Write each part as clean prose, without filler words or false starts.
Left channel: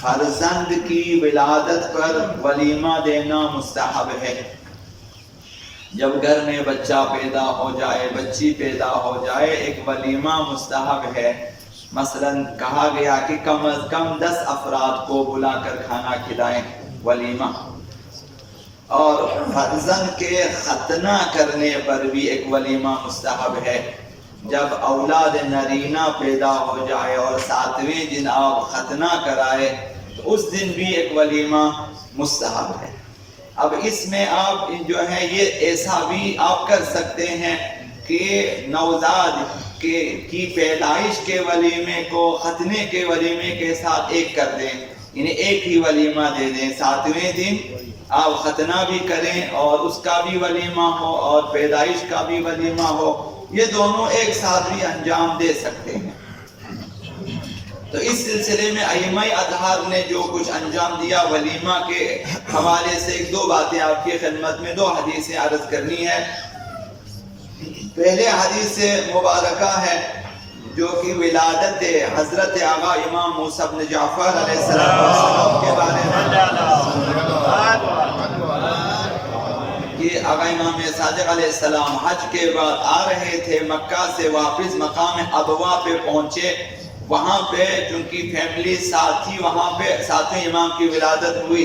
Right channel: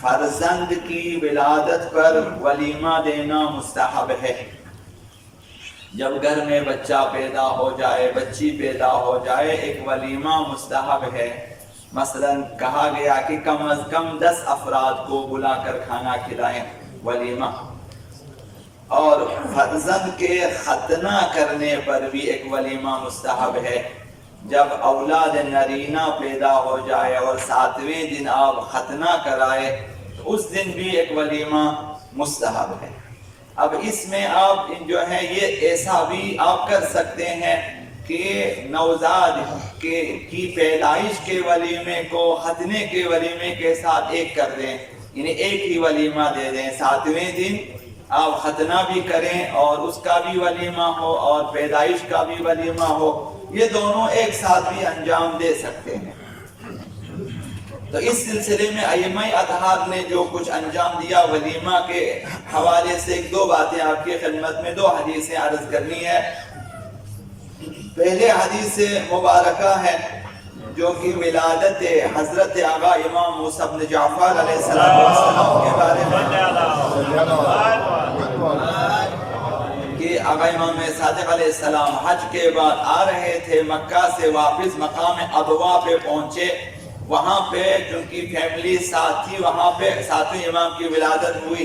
فرزند کی ولادت پر ولیمہ دینا مستحب ہے۔ جب گھر میں بچہ پیدا ہو جائے، بچی پیدا ہو جائے، ایک ولیمہ مستحب ہے۔ مثلا کہا گیا کہ کم از کم 10 افراد کو بلا کر کھانا کھلائیں، ولیمہ۔ اور فرزند کے ختنہ کرنے پر بھی ایک ولیمہ مستحب ہے۔ جب اولاد نرینہ پیدا ہو جائے اور 7ویں دن آپ ختنہ کرائے تو اس دن بھی ایک ولیمہ مستحب ہے۔ اب اس میں آپ جو ہے یہ ایسا بھی آپ کر سکتے ہیں کہ نوزاد کی پیدائش کے ولیمے کو ختنے کے ولیمے کے ساتھ ایک کر دیں، یعنی ایک ہی ولیمہ دے دیں۔ 7ویں دن آپ ختنہ بھی کریں اور اس کا بھی ولیمہ ہو اور پیدائش کا بھی ولیمہ ہو، یہ دونوں ایک ساتھ بھی انجام دے سکتے ہیں۔ تو اس سلسلے میں ائمہ اطہار نے جو کچھ انجام دیا ولیمہ کے حوالے سے 1-2 باتیں آپ کی خدمت میں 2 حدیثیں عرض کرنی ہے۔ پہلے حدیث مبارکہ ہے جو کہ ولادت حضرت آقا امام موسیٰ بن جعفر علیہ السلام کے بارے میں، کہ آقا امام صادق علیہ السلام حج کے بعد آ رہے تھے، مکہ سے واپس مقام ابوا پہ پہنچے۔ وہاں پہ چونکہ فیملی ساتھ تھی، وہاں پہ 7ویں امام کی ولادت ہوئی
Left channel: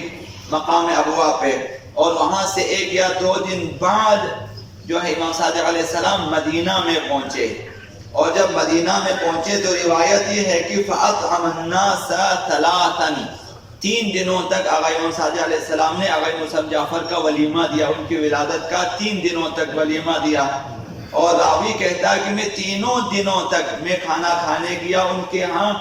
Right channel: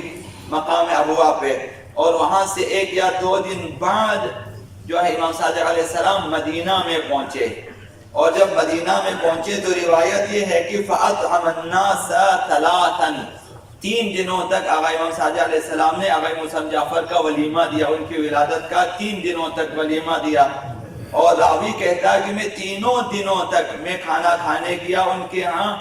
مقام ابوا پہ، اور وہاں سے 1 یا 2 دن بعد جو ہے امام صادق علیہ السلام مدینہ میں پہنچے۔ اور جب مدینہ میں پہنچے تو روایت یہ ہے کہ فَأَطْعَمَ النَّاسَ ثَلَاثًا، 3 دنوں تک آقا امام صادق علیہ السلام نے آقا موسیٰ بن جعفر کا ولیمہ دیا، ان کی ولادت کا 3 دنوں تک ولیمہ دیا۔ اور راوی کہتا ہے کہ میں 3 دنوں تک میں کھانا کھانے گیا ان کے ہاں،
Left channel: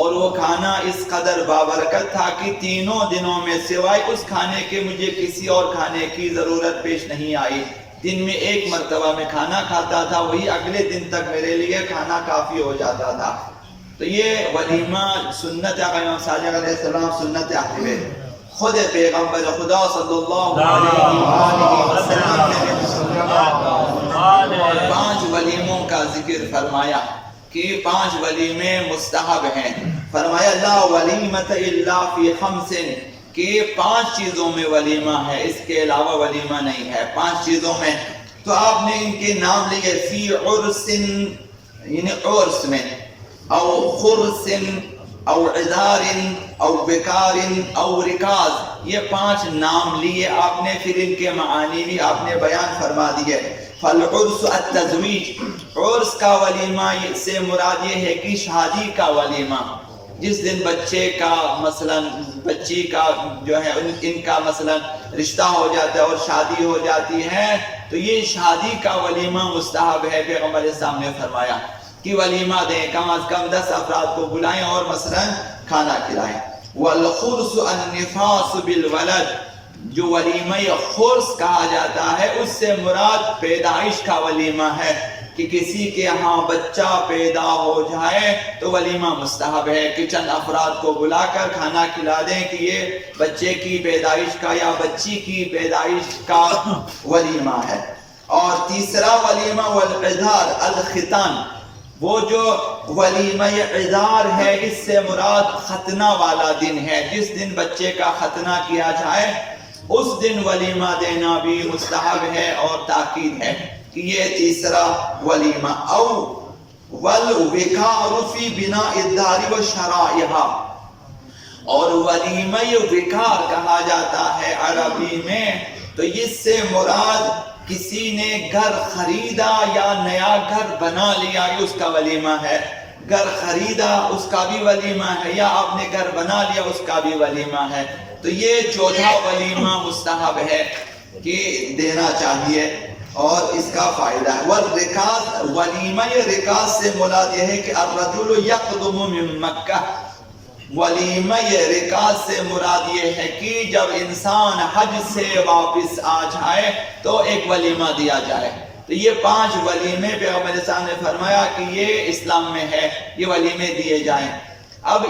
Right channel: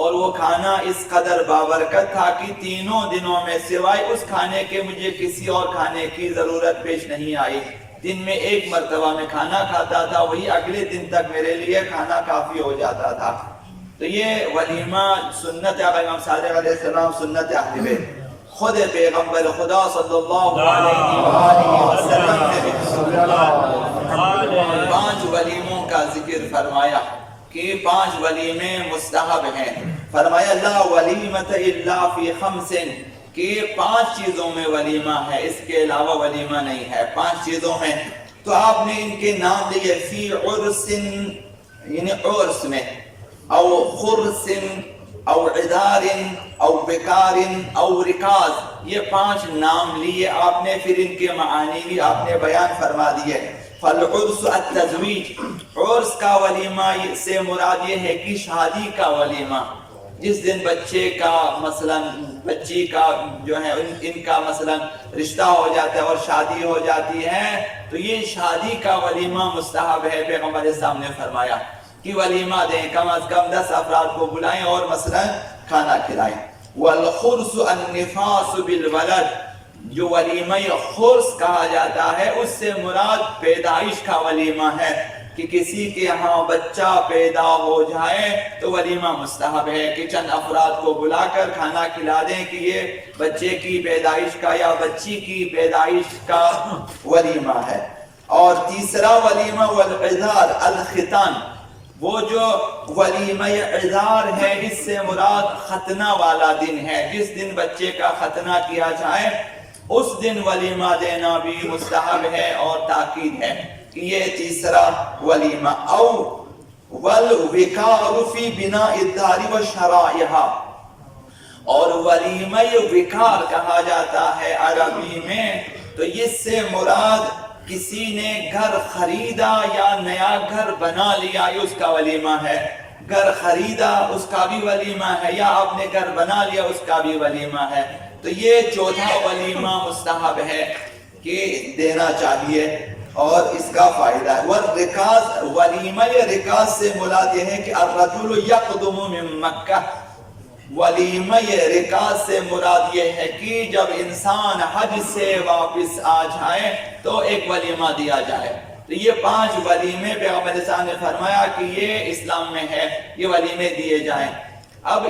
اور وہ کھانا اس قدر بابرکت تھا کہ 3 دنوں میں سوائے اس کھانے کے مجھے کسی اور کھانے کی ضرورت پیش نہیں آئی۔ دن میں 1 مرتبہ میں کھانا کھاتا تھا، وہی اگلے دن تک میرے لیے کھانا کافی ہو جاتا تھا۔ تو یہ ولیمہ سنت آقا امام صادق علیہ السلام، سنت اہل بیت۔ خود پیغمبر خدا صلی اللہ علیہ وآلہ وسلم نے 5 ولیموں کا ذکر فرمایا کہ 5 ولیمے مستحب ہیں۔ فرمایا لا ولیمۃ الا فی 5، کہ 5 چیزوں میں ولیمہ ہے، اس کے علاوہ ولیمہ نہیں ہے، 5 چیزوں میں۔ تو آپ نے ان کے نام لیے، فی عرس یعنی عرس میں، او خرس او عذار او بکار او رکاز، یہ 5 نام لیے آپ نے، پھر ان کے معانی بھی آپ نے بیان فرما دیے۔ فالعرس التزویج، عرس کا ولیمہ سے مراد یہ ہے کہ شادی کا ولیمہ، جس دن بچے کا مثلا بچی کا جو ہے ان کا مثلا رشتہ ہو جاتا ہے اور شادی ہو جاتی ہے، تو یہ شادی کا ولیمہ مستحب ہے۔ پیغمبر اسلام نے فرمایا کہ ولیمہ دیں، کم از کم 10 افراد کو بلائیں اور مثلا کھانا کھلائیں۔ والخرس النفاس بالولد، جو ولیمہ خرس کہا جاتا ہے اس سے مراد پیدائش کا ولیمہ ہے، کہ کسی کے ہاں بچہ پیدا ہو جائے تو ولیمہ مستحب ہے کہ چند افراد کو بلا کر کھانا کھلا دیں کہ یہ بچے کی پیدائش کا یا بچی کی پیدائش کا ولیمہ ہے۔ اور تیسرا ولیمہ والعذار الختان، وہ جو ولیمہ عذار ہے اس سے مراد ختنہ والا دن ہے، جس دن بچے کا ختنہ کیا جائے اس دن ولیمہ دینا بھی مستحب ہے اور تاکید ہے کہ یہ تیسرا ولیمہ۔ او والوکار فی بناء الدار وشرائعہا، اور ولیمہ وکار کہا جاتا ہے عربی میں، تو اس سے مراد کسی نے گھر خریدا یا نیا گھر بنا لیا، یہ اس کا ولیمہ ہے۔ گھر خریدا اس کا بھی ولیمہ ہے، یا آپ نے گھر بنا لیا اس کا بھی ولیمہ ہے۔ تو یہ چوتھا ولیمہ مستحب ہے کہ دینا چاہیے اور اس کا فائدہ ہے۔ والرکاز، ولیمہ رکاز سے مراد یہ ہے کہ الرجل یقدم من مکہ، ولیمہ رکاز سے مراد یہ ہے کہ جب انسان حج سے واپس آ جائے تو ایک ولیمہ دیا جائے۔ تو یہ 5 ولیمے پیغمبر اسلام نے فرمایا کہ یہ اسلام میں ہے، یہ ولیمے دیے جائیں۔ اب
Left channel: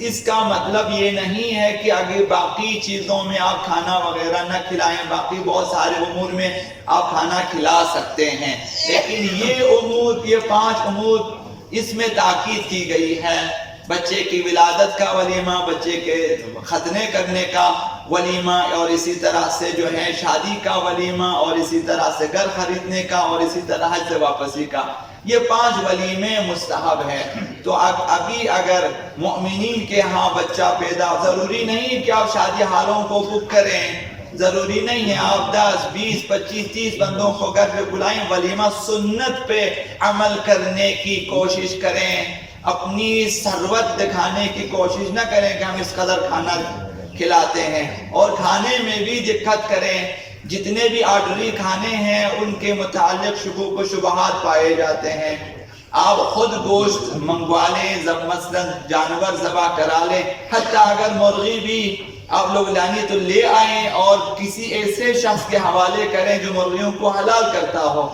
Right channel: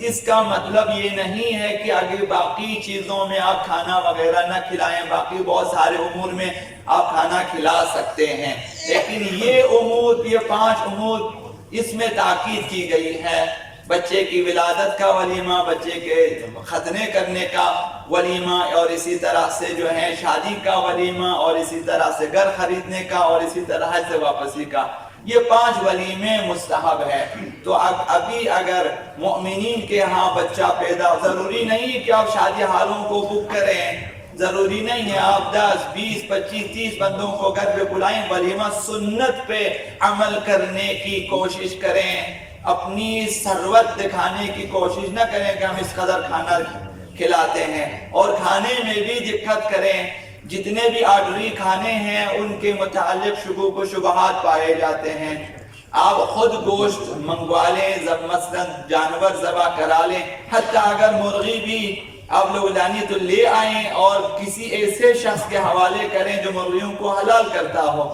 اس کا مطلب یہ نہیں ہے کہ آگے باقی چیزوں میں آپ کھانا وغیرہ نہ کھلائیں، باقی بہت سارے امور میں آپ کھانا کھلا سکتے ہیں، لیکن یہ امور، یہ 5 امور اس میں تاکید کی گئی ہے۔ بچے کی ولادت کا ولیمہ، بچے کے ختنے کرنے کا ولیمہ، اور اسی طرح سے جو ہے شادی کا ولیمہ، اور اسی طرح سے گھر خریدنے کا، اور اسی طرح حج سے واپسی کا، یہ 5 ولیمے مستحب ہے۔ تو ابھی اگر مؤمنین کے ہاں بچہ پیدا، ضروری نہیں ہے کہ آپ شادی ہالوں کو بک کریں، ضروری نہیں ہے آپ 10 20 25 30 بندوں کو گھر پہ بلائیں، ولیمہ سنت پہ عمل کرنے کی کوشش کریں، اپنی ثروت دکھانے کی کوشش نہ کریں کہ ہم اس قدر کھانا کھلاتے ہیں، اور کھانے میں بھی دقت کریں، جتنے بھی آرڈری کھانے ہیں ان کے متعلق شکوک و شبہات پائے جاتے ہیں۔ آپ خود گوشت منگوا لیں، مثلا جانور ذبح کرا لیں، حتیٰ اگر مرغی بھی آپ لوگ لانی تو لے آئیں اور کسی ایسے شخص کے حوالے کریں جو مرغیوں کو حلال کرتا ہو۔